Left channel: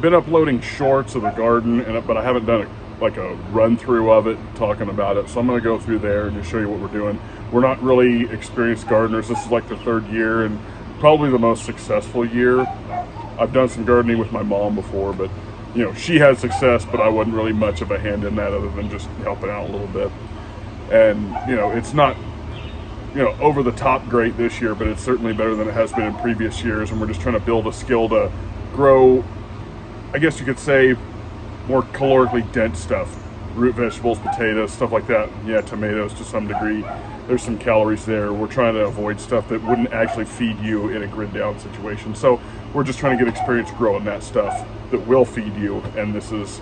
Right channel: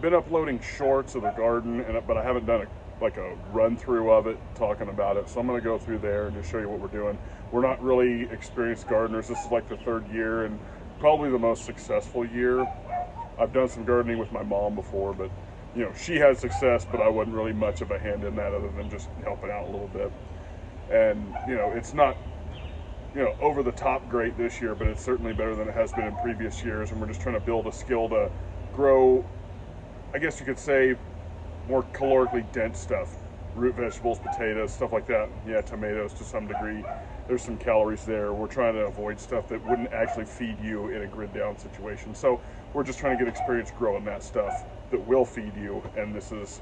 I've been uploading shorts of the garden, but I haven't done like a run through of it, talking about it. So I'm gonna go through there and just show you what we're doing. We're not really experienced gardeners. This is like the third year and probably the most successful year. I've done some gardening with my mom before, but you know, she had success, but I wasn't really much of a hand in that other than just helping out a little bit. And you know, it's not, you know, over the top great this year, but it's certainly better than it has been in previous years. And we're just trying to build a skill to grow, I guess you could say, more calorically dense stuff. Root vegetables, potatoes, stuff like that. Yeah, tomatoes to some degree. There's some calories there. We're trying to avoid stuff that wouldn't actually feed you in a grid down situation. So we're just trying to get experience growing that stuff that will feed you. And this is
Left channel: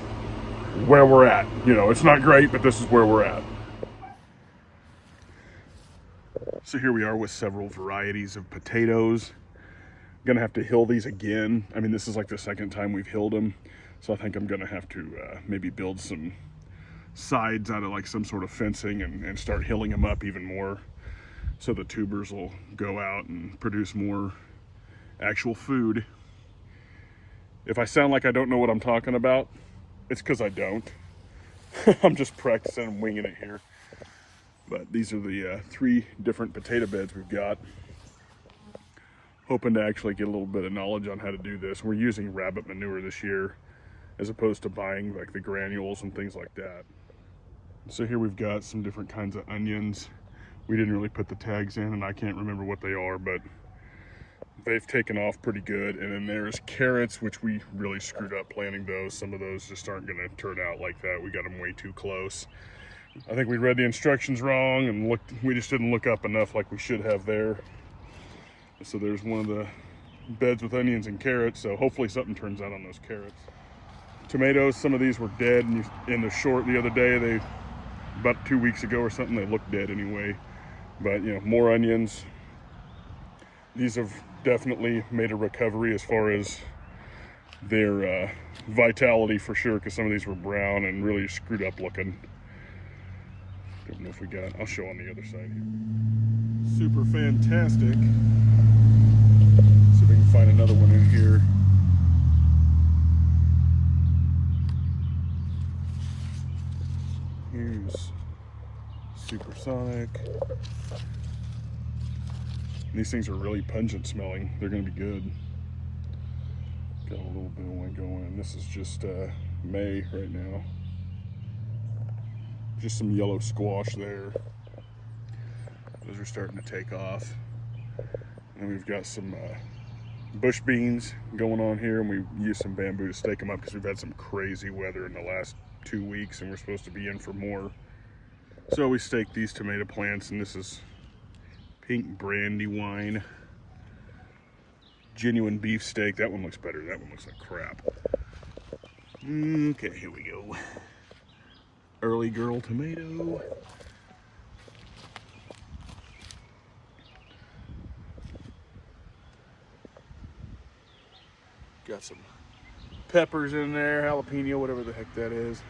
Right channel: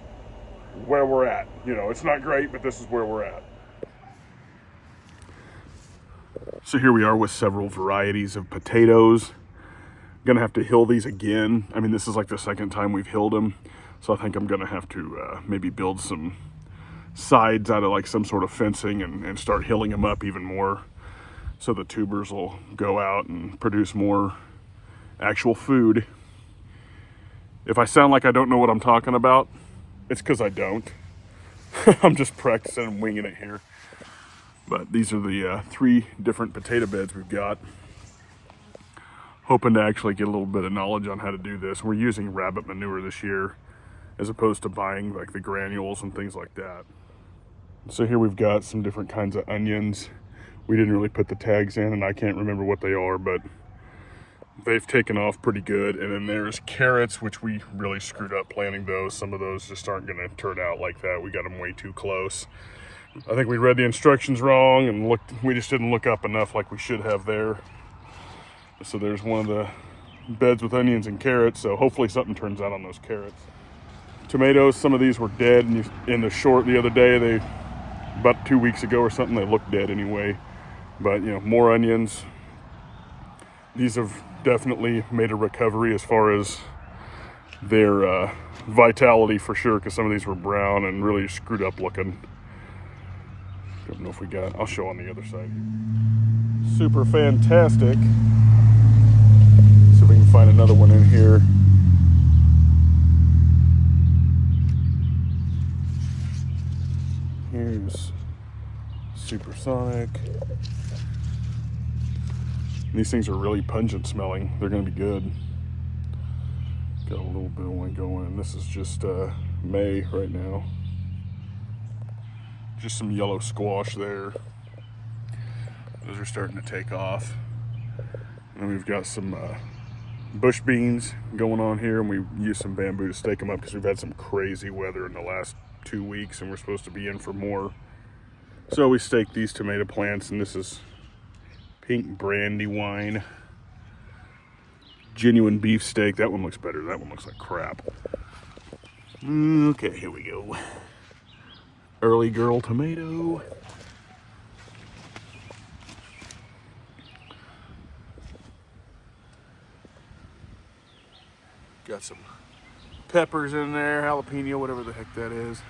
where we're at. You know, it's not great, but this is where we're at. So here we are with several varieties of potatoes. I'm gonna have to hill these again. I mean, this is like the second time we've hilled them. So I think I'm gonna have to maybe build some sides out of like some sort of fencing and start hilling them up even more so the tubers will go out and produce more actual food. If I sound like I don't know what I'm talking about, it's because I don't. I'm just practicing and winging it here. But these are the 3 different potato beds we've got. Hoping to actually get a little bit of knowledge on how to do this. We're using rabbit manure this year as opposed to buying like the granules and things like that. So here we've got some different kinds of onions. We didn't really put the tags in and I can't remember what they are, but they've taken off pretty good. And then there's carrots, which we really screwed up planting those. Some of those just aren't gonna turn out like that. We got them way too close. I think we read the instructions wrong and we just didn't look up enough like we should have there. So there's one of the beds with onions and carrots. So hopefully something turns out on those carrots. Tomatoes, some of these were dead in the short the other day. About 2 weeks ago or something, they looked dead anyway. But you know, more onions. These have definitely made a recovery as far as their vitality for sure, because some of these were brown and really screwed up looking. Don't know if we got, I'll show on the other side here. Super fantastic. See if we can find another one in here. Here's Supersonic. These things are really pungent smelling. They're gonna be good. Got a little bit of one going. This is just May right now. Just some yellow squash there. Those are starting to take off. And then we've got some bush beans going on here, and we use some bamboo to stake them up because we've had some crazy weather in the last 2 weeks and we're supposed to be in for more. So we staked these tomato plants, and this is pink Brandywine. Genuine beef steak. That one looks better. That one looks like crap. Okay, here we go. Early girl tomato. Got some peppers in there, jalapeno, whatever the heck that is.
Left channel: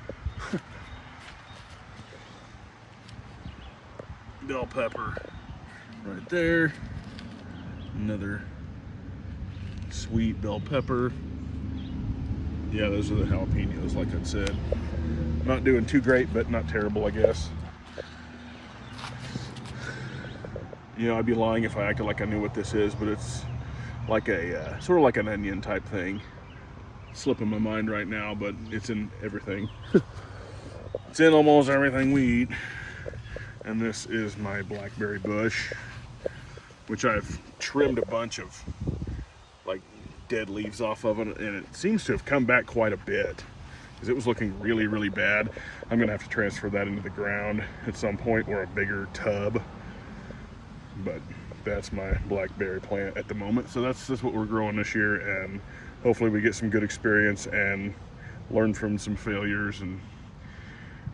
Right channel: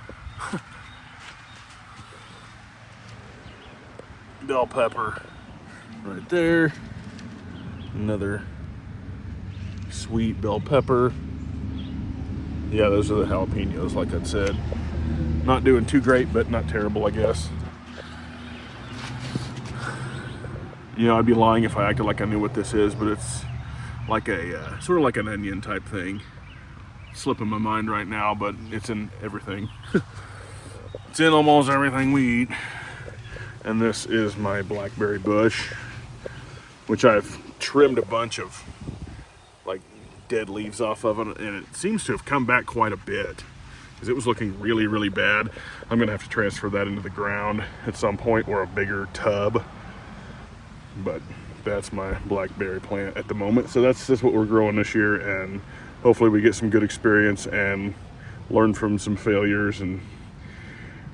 Bell pepper right there. Another sweet bell pepper. Yeah, those are the jalapenos, like I said. Not doing too great, but not terrible, I guess. You know, I'd be lying if I acted like I knew what this is, but it's like a sort of like an onion type thing. Slipping my mind right now, but it's in everything. It's in almost everything we eat. And this is my blackberry bush, which I've trimmed a bunch of like dead leaves off of it, and it seems to have come back quite a bit because it was looking really, really bad. I'm gonna have to transfer that into the ground at some point, or a bigger tub. But that's my blackberry plant at the moment. So that's what we're growing this year, and hopefully we get some good experience and learn from some failures and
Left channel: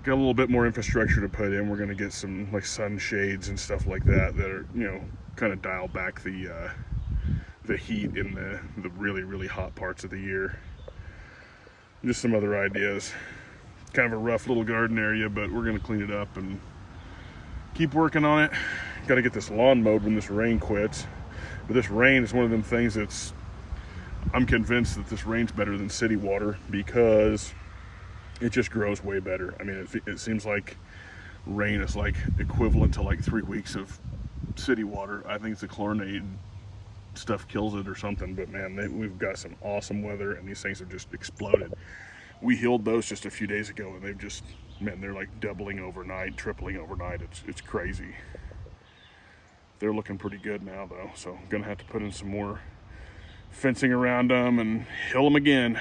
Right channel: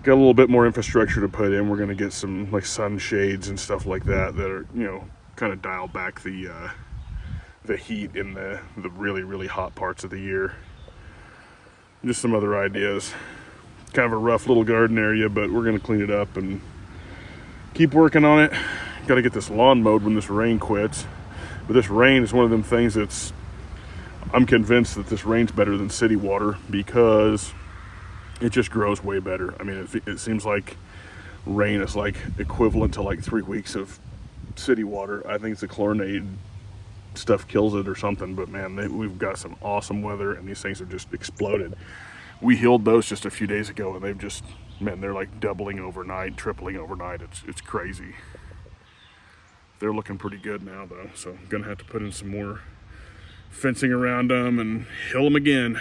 got a little bit more infrastructure to put in. We're gonna get some like sunshades and stuff like that that are, you know, kind of dial back the heat in the really, really hot parts of the year. Just some other ideas. Kind of a rough little garden area, but we're gonna clean it up and keep working on it. Got to get this lawn mowed when this rain quits. But this rain is one of them things that's, I'm convinced that this rain's better than city water because it just grows way better. I mean, it seems like rain is like equivalent to like 3 weeks of city water. I think it's the chlorinated stuff kills it or something, but man, we've got some awesome weather and these things have just exploded. We healed those just a few days ago and they've just, man, they're like doubling overnight, tripling overnight. It's crazy. They're looking pretty good now though, so I'm gonna have to put in some more fencing around them and hill them again.